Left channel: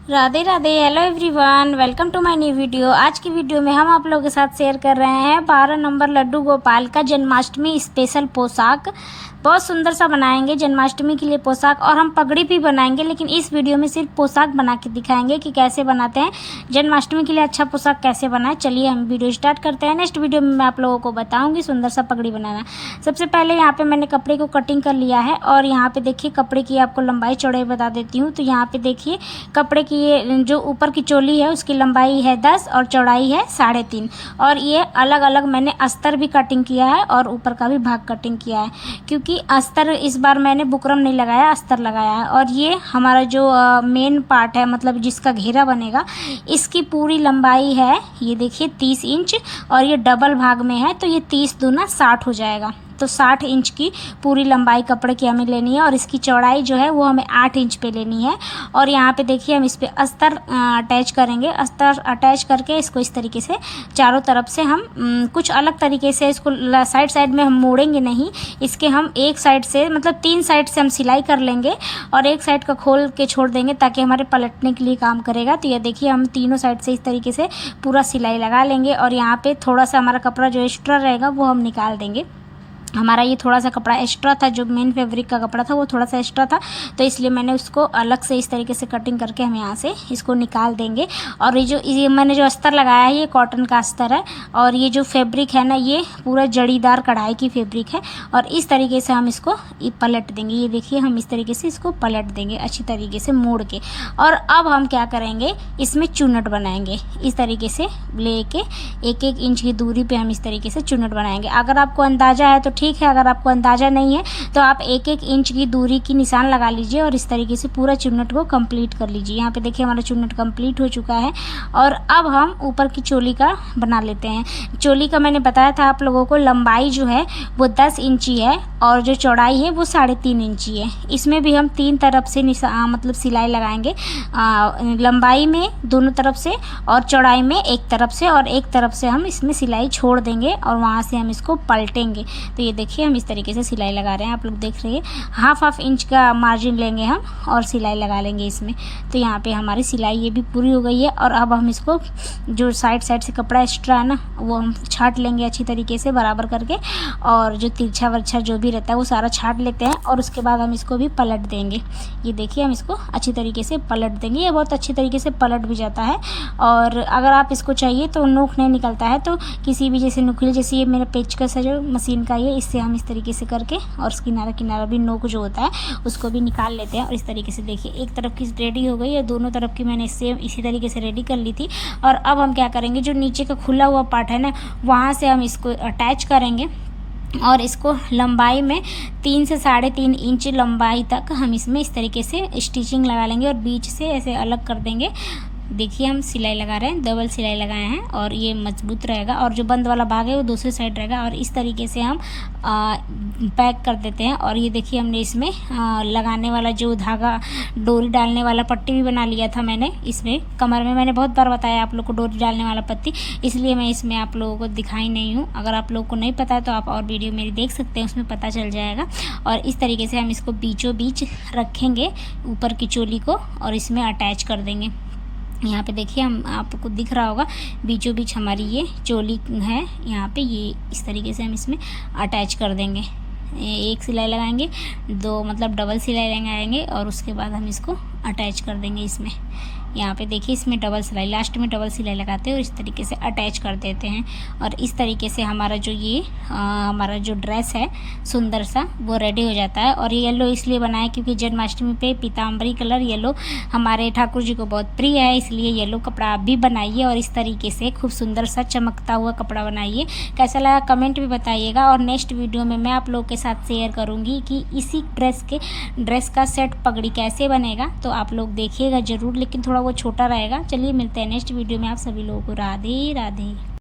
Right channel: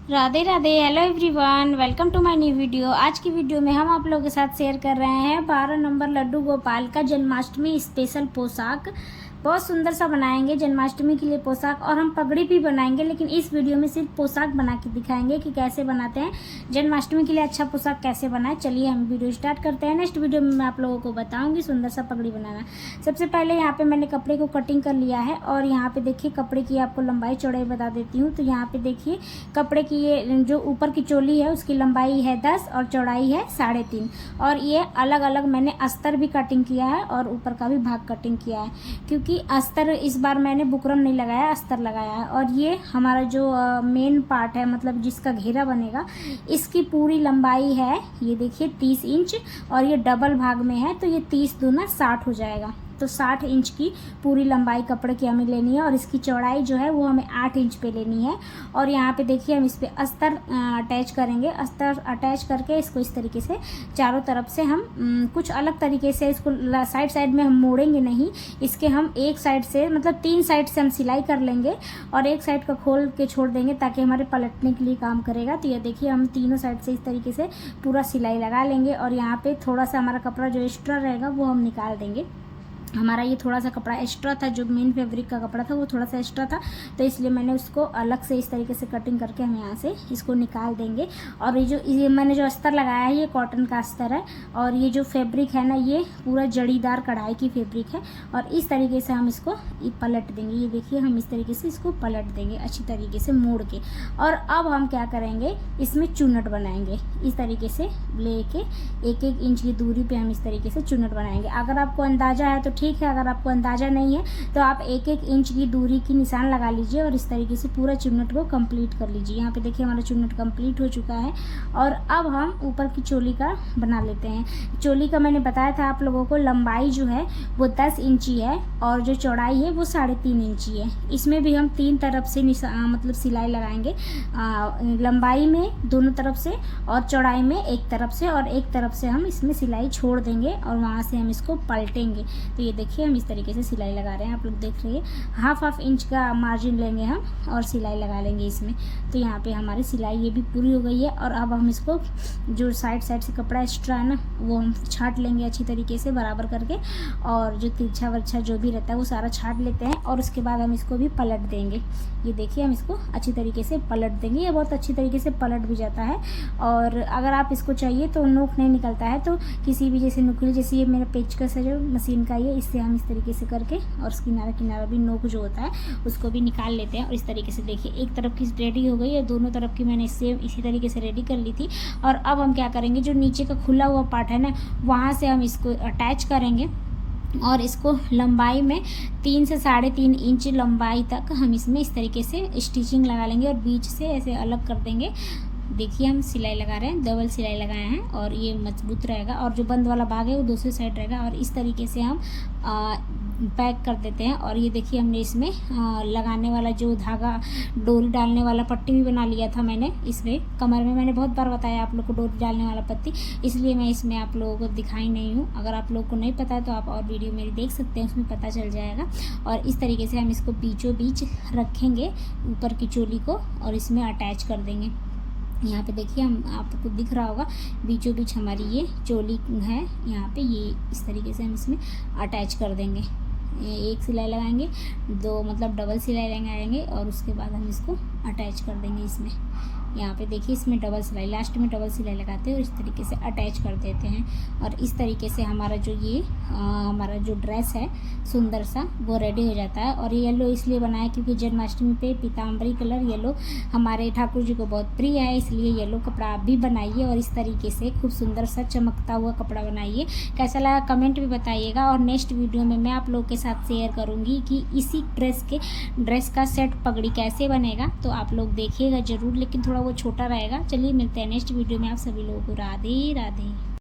Radhe Radhe. Hello everyone, welcome to my new video. आज की video में हम आप लोगों के साथ शेयर कर रहे हैं 12 नंबर लड्डू गोपाल का जन्माष्टमी स्पेशल पोशाक। बहुत सुंदर सा बनाएंगे जन्माष्टमी के लिए पोशाक, और हम पगड़ी भी बनाएंगे, लेकिन इस वीडियो में सिर्फ पोशाक बना के दिखाएंगे कि कैसे बनाते हैं जन्माष्टमी के लिए अच्छा पोशाक कैसे बनाए। चलिए हम वीडियो स्टार्ट करते हैं। नेक्स्ट वीडियो में मैं आप लोगों को बताऊंगी सुंदर सा पगड़ी बनाना। सबसे पहले यहाँ पे मैंने कपड़े को कटिंग कर लिया है, और यहाँ पे देखिए कपड़े की आपको लंबाई चौड़ाई बता देती हूँ। तो यहाँ पे देखिए कपड़े की ये जो ऊपर की चोली है उसकी लंबाई है 10 और चौड़ाई है 3.5, और ये अलग अलग मैंने अस्तर भी कटिंग किया है और ऊपर का भी भाग कटिंग किया है, क्योंकि अस्तर इस बार मैंने बुकरम नहीं लगाया, अस्तर लगाया है। और ये हमारा जो मेन पार्ट है, मतलब जिसका घेरा बनेगा, इसकी पूरी लंबाई है ये देखिए 30 इंच, और ये डबल भाग में है तो ये 30 दूना 60 हो जाएगा। तो 60 इंच की पूरी लंबाई कपड़े की हमें लेनी है, और इसकी चौड़ाई जो है वो हमें 8 इंच पे लेनी है। और यहाँ पे देखिए हम इस पे अस्तर अटैच करेंगे। अस्तर अटैच करके इसको इस तरीके से चारों तरफ से हम कुछ अलग तरीके से इसको साइड साइड में हम मोड़ेंगे नहीं, इसके हम एक साइड से मतलब 3 साइड से हम सिलाई कर लेंगे, और एक साइड का खोल के छोड़ देंगे ताकि हमारे पलटने के लिए काम करेगा। तो ये देखिए हम तीनों साइड से इस तरीके से पूरा सिलाई लगा लेंगे, और यहाँ पे थोड़ा सा हमारा कपड़ा जो एक्स्ट्रा रहेगा वो हम निकाल देंगे। हमारा ये थोड़ा सा कपड़ा एक्स्ट्रा था, जो मेन फैब्रिक का कपड़ा था वो थोड़ा सा एक्स्ट्रा था, तो इसलिए मैंने उसको अलग से इस तरीके से कटिंग करके हम यहाँ से इसको निकाल देंगे। और ये मैंने जो अस्तर लगाया है ये कॉटन का अस्तर है, और ये जो फैब्रिक है ना ये पूरा जड़ीदार कढ़ाई की फैब्रिक है, और इस तरीके से हम इसको पलट देंगे। ये देखिए हम इस तरीके से इसको पलट देंगे अच्छी तरीके से मोड़ के। और अब हम क्या करेंगे, इसमें चुन्नट बनाएंगे। इस तरीके से लेके 1-1 इंच की दूरी पे हम इस तरीके से चुन्नट बनाएंगे। अगर आपको अंदाज़ा है तो ठीक है, अगर आपको अंदाज़ा नहीं है तो आप 1-1 इंच की दूरी की निशान लगा लीजिए, और इस तरीके से पूरा चुन्नट को कंप्लीट कर लीजिए। यहाँ पे देखिए हमारा चुन्नट कंप्लीट हो चुका है। और अब हम ऊपर की चोली का बना लेते हैं। चोली का मैंने बताया था आप लोगों को, लंबाई जो है वो 10 इंची है, और जो चौड़ाई है वो 3.5 इंची है। इसमें भी हम 3 तरफ से मतलब सिलाई लगाएंगे, लंबाई में दोनों तरफ से, और चौड़ाई में एक तरफ से, और एक तरफ से हम इसमें सिलाई छोड़ देंगे, और वहाँ से हम इसको पलटेंगे। तो ये देखिए हम इस तरीके से सिलाई लगा रहे हैं, आप लोग देख रहे हैं। हाफ इंच का मार्जिन लेंगे हम और सिलाई लगा लेंगे इसमें। तो यहाँ पे हमारी सिलाई ये भी पूरी हो गई है, और अब हम इसको जो साइड से कपड़ा एक्स्ट्रा है ना वो हम छाट लेंगे अच्छी तरीके से बराबर करके, और जो तिरछा वर्छा जो भी रहता है वो सारा छाट लेते हैं, और उसके बाद हम इसको भी पलट देंगे। ये देखिए हम इसको अच्छी तरीके से पलट देंगे। ये बहुत अच्छी तरीके से पलट भी जाता है, और अगर आप इसको चाहिए तो नोक नहीं निकलता है तो किसी भी जैसे नुकीले, जैसे ये मेरा पेचकस है जो मशीन का, ये इससे हम इस तरीके से करके, और किनारा भी नोक जो होता है उसको भी निकाल लेते हैं। और इस तरीके से देखिए एक तरफ की रेडी हो गई है, दोनों तरफ की मैंने सेम इसी तरीके से रेडी कर ली थी। और अब हम क्या करेंगे, जो नीचे का खुला हुआ पार्ट है ना वहाँ से हम इसको अटैच करेंगे, और इसको लंबाई में 3 से 3.5 इंच लंबाई तक हम इसमें इस तरीके से स्टिचिंग लगा लेंगे, और बीच से ऐसे अलग कर देंगे। देखिए हम सिलाई लगा रहे हैं, डबल सिलाई लगाए हैं, और ये मजबूत रहेगा, और जो बंद वाला भाग है वो दूसरी साइड रहेगा। और इस तरीके से हम पैक कर देते हैं। और ये देखिए हमने इसमें लगाने वाला जो धागा, डोरी डालने वाला पट्टी भी बना लिया था मैंने इसमें कमर में। मैंने बहुत बार बताया आप लोग को डोरी डालने वाला पट्टी, इसलिए मैं इसमें आप लोगों को दिखाई नहीं हूँ। अगर आप लोगों को नहीं पता है तो आप और वीडियो मेरी देख सकते हैं, उसमें पता चल जाएगा। और इस तरीके से हम इसको बीचों बीच रखेंगे ऊपर की चोली को, और इसमें अटैच कर देंगे। यहाँ पे देखिए हम आपको दिख रहा होगा बीचों बीच हमारी ये चोली है, यहाँ पे ये इस तरीके से हम इसमें अटैच कर देंगे। एक सिलाई लगाएंगे, 2 मतलब डबल सिलाई लगाएंगे, और उसके बाद हम इसको अटैच कर देंगे इसमें। यहाँ पे देखिए इसमें डबल सिलाई, लास्ट में डबल सिलाई लगाते हैं और इस तरीके से अटैच कर देते हैं। और इस तरीके से हमारा जो ये हमारा जो ड्रेस है सुंदर सा वो रेडी हो जाता है। और ये येलो इसलिए बनाया क्योंकि जन्माष्टमी पे पीताम्बरी कलर येलो हमारे ठाकुर जी को बहुत प्रिय है, इसलिए येलो कपड़ा आप भी बनाइए, और इस तरीके से खूब सुंदर सा चमकता हुआ कपड़ा बनाइए। कैसा लगा कमेंट भी बताइएगा, और नेक्स्ट वीडियो में मैं आप लोगों के साथ शेयर करूँगी कि इसी ड्रेस का सेट पगड़ी कैसे बनेगा, तो आप लोग देखिएगा ज़रूर, लेकिन थोड़ा वो छोटा रहेगा। चलिए मिलते हैं नेक्स्ट वीडियो में, आप सभी लोगों को राधे राधे।